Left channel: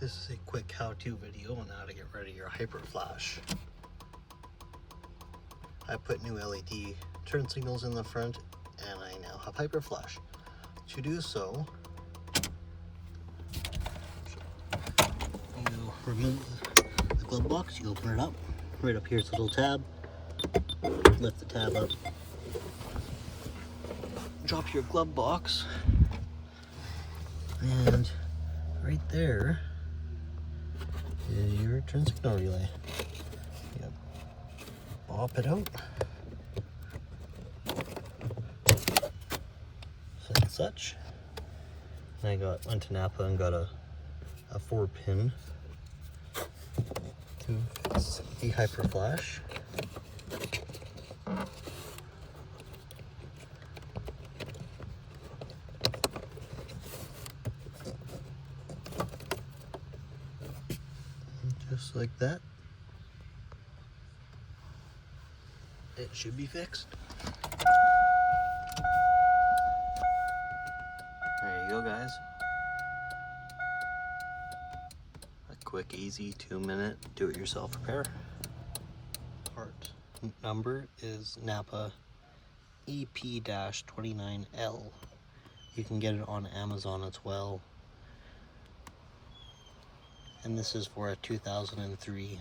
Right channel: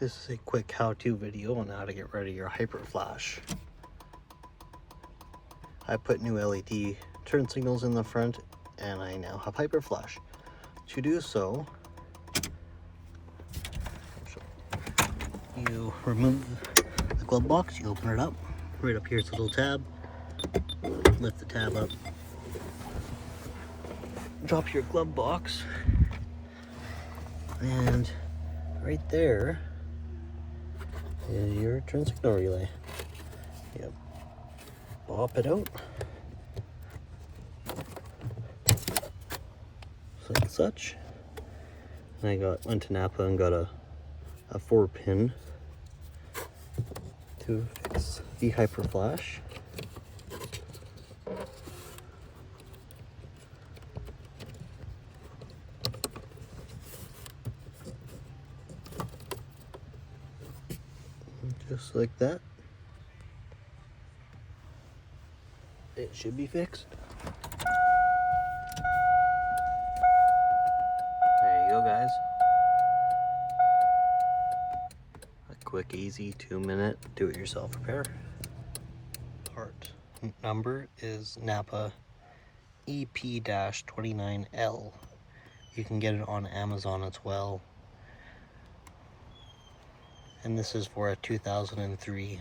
This is a quick how-to video on how to get rid of your hyper flash. I put new LED turn signals in the front and I now have hyper flash. To do so, you remove the glove box, you open it up. Right up here is a little tab. Lift the tab up. Drop your glove box. And right there is your turn signal relay. Yep. Pop it out. Like such. And I went to Napa and got a 4-pin to fix the hyper flash. Just like that. It should be fixed. There you go, guys. A quick, easy 2-minute do-it-yourself repair. Part number is Napa EP-29L. You can get it on Amazon as well. And this is for a 2003